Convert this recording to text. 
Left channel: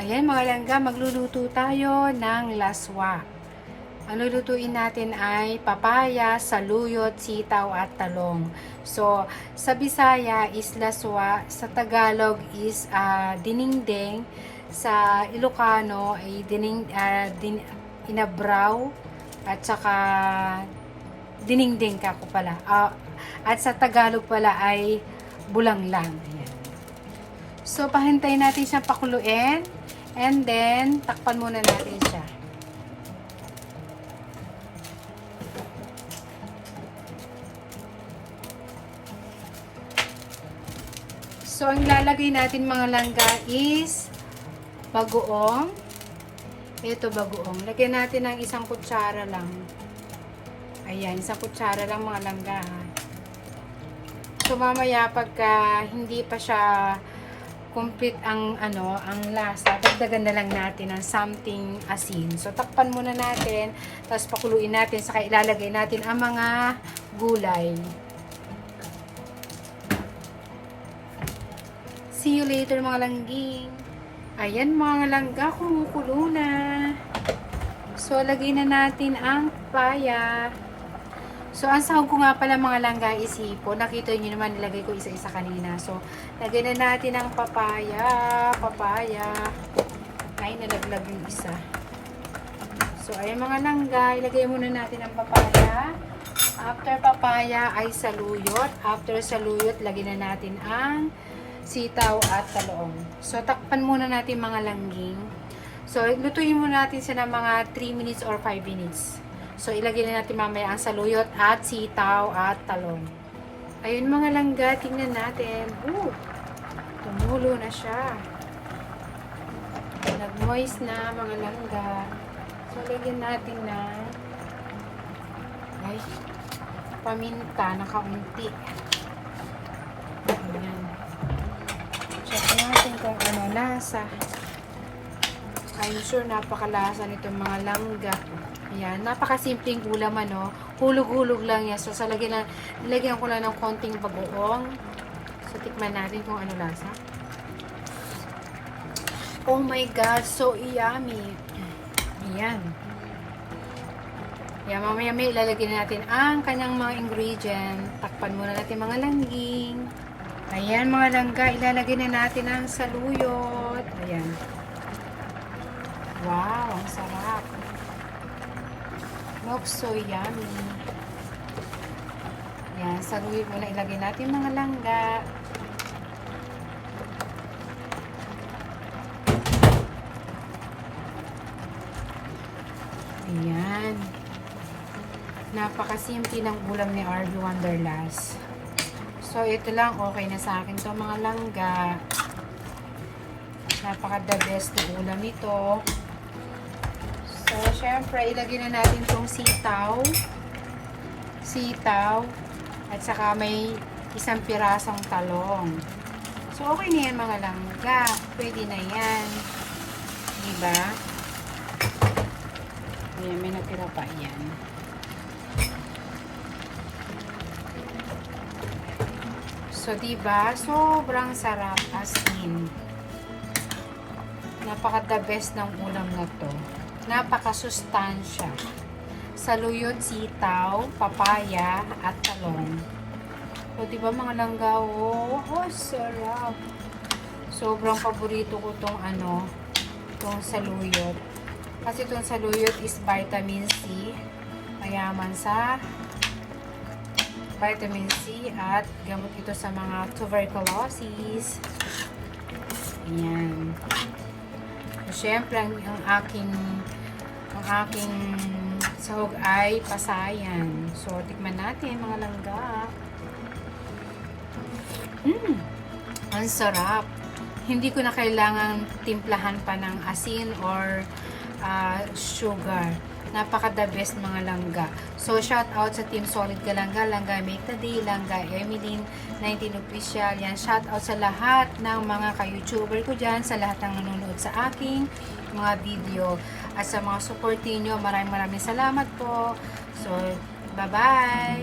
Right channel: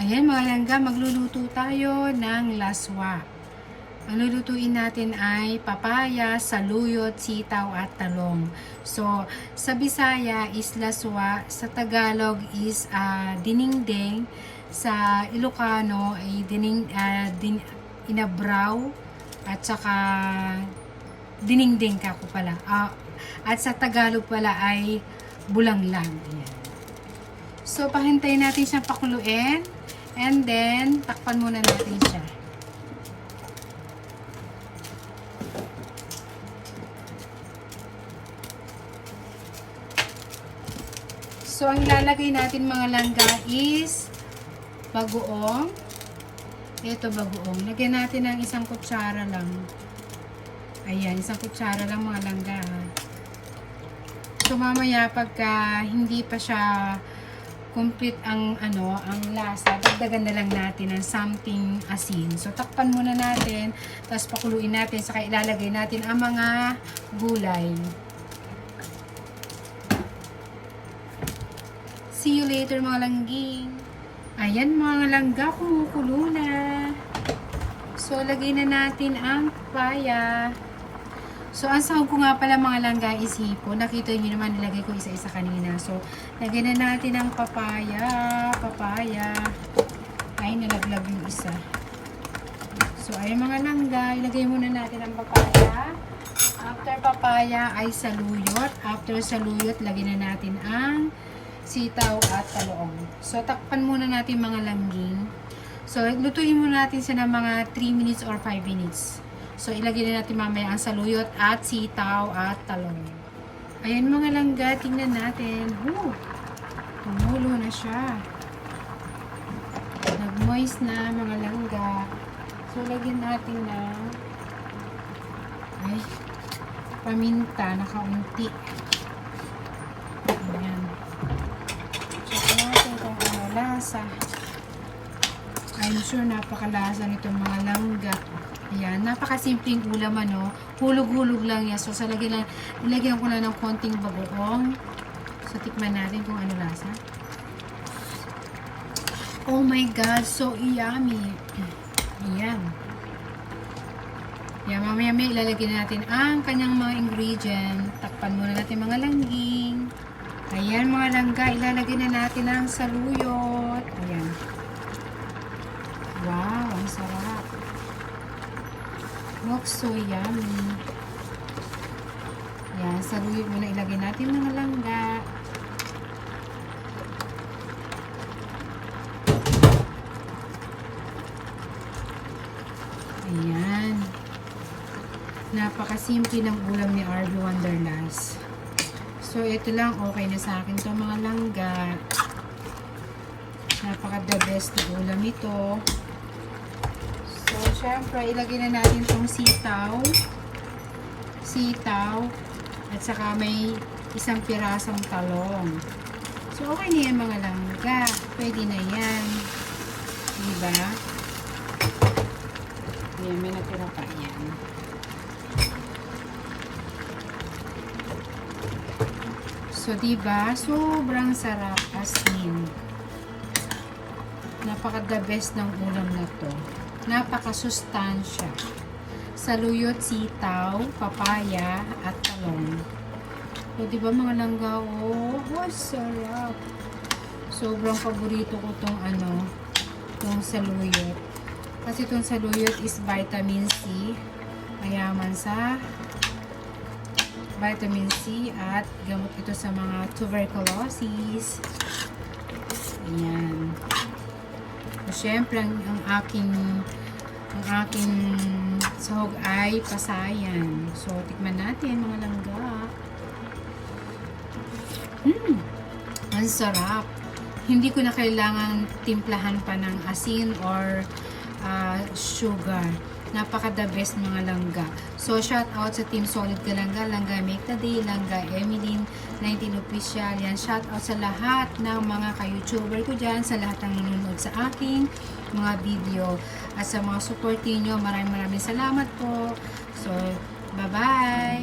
Ayan mga langga, magluluto tayo ng laswa. Ang lulutuin natin ay papaya, saluyot, sitaw at talong. So, sa Bisaya is laswa, sa Tagalog is dinengdeng, sa Ilocano ay inabraw, at saka dinengdeng kako pala. At sa Tagalog pala ay bulanglang. Ayan. So, pahintayin natin siyang pakuluin. And then, takpan muna natin siya. So, ang lalagay natin mga langga is bagoong. Ito bagoong. Lagyan natin ng isang kutsara lang. Ayan, isang kutsara lang mga langga. So, mamaya pagka hindi pa siya complete ang lasa, dagdagan na lang natin ng something asin. So takpan muna natin, tapos pakuluin natin, saka ilalagay natin ang mga gulay. See you later mga langging. Ayan mga langga, kumukulo na. So lagay na natin ang papaya. So, ang sahog ko nga pala mga langga is hipon. Nakita nyo naman, nilagay ko isa-isa kanina. So, lagyan na natin ang papaya. Ay, nalaglag yung isa. So, ayun mga langga, ilagay muna natin ang papaya. After papaya ay saluyot. After saluyot, lagyan na natin ang sitaw at talong. So, takpan muna natin mga langging. So, lutuin muna natin siya ng mga 3 minutes or 5 minutes. So, ilagay na natin mamaya ang saluyot at sitaw at talong. Ayan mga langga, tingnan natin. Tumulo na siya. Nag-moist na mga langga. So, lagyan natin na paminta na kaunti. Ayan. Check natin kung ano lasa. I'm sure napakalasa nitong mga langga. Ayan, napakasimpleng ulam hulog-hulog lang yan. So, nilagyan ko lang ng konting bagoong. So, tikman natin kung ano lasa. Oh my God, so yummy. Ayan. Ayan, mamaya ilalagay natin ang kanyang mga ingredient. Takpan muna natin mga langging. Ayan mga langga, ilalagay na natin ang saluyot. Ayan. Wow, ang sarap. Looks so yummy. Yan, saluyot muna ilagay natin mga langga. Ayan. Napakasimple ng ulam ni RB Wonderlust. So, ito lang, okay na sa akin to mga langga. Napaka-the best na ulam ito. So, syempre, ilagay na natin itong sitaw, at saka may isang pirasong talong. So, okay na yan mga langga. Pwede na yan. Diba? Ayan, may natira pa yan. So, diba? Sobrang sarap as in. Napaka-the best ng ulam na to. Napaka-sustansya. Saluyot, sitaw, papaya, at talong. So, diba mga langga? Oh, sarap. Sobrang paborito ko tong saluyot. Kasi tong saluyot is vitamin C. Mayaman sa vitamin C at gamot ito sa mga tuberculosis. Ayan. Siyempre, ang aking sahog ay pasayan. So, tikman natin mga langga. Ang sarap. Hindi ko na kailangan timplahan pa ng asin or sugar. Napaka-the best mga langga. So, shout out sa Team Solid Kalangga, Langga Make the Day, Langga Emeline, 19 Official. Yan, shout out sa lahat ng mga ka-YouTuber ko dyan, sa lahat ng nanonood sa aking mga video. At sa mga support niyo, maraming salamat po. So, bye-bye!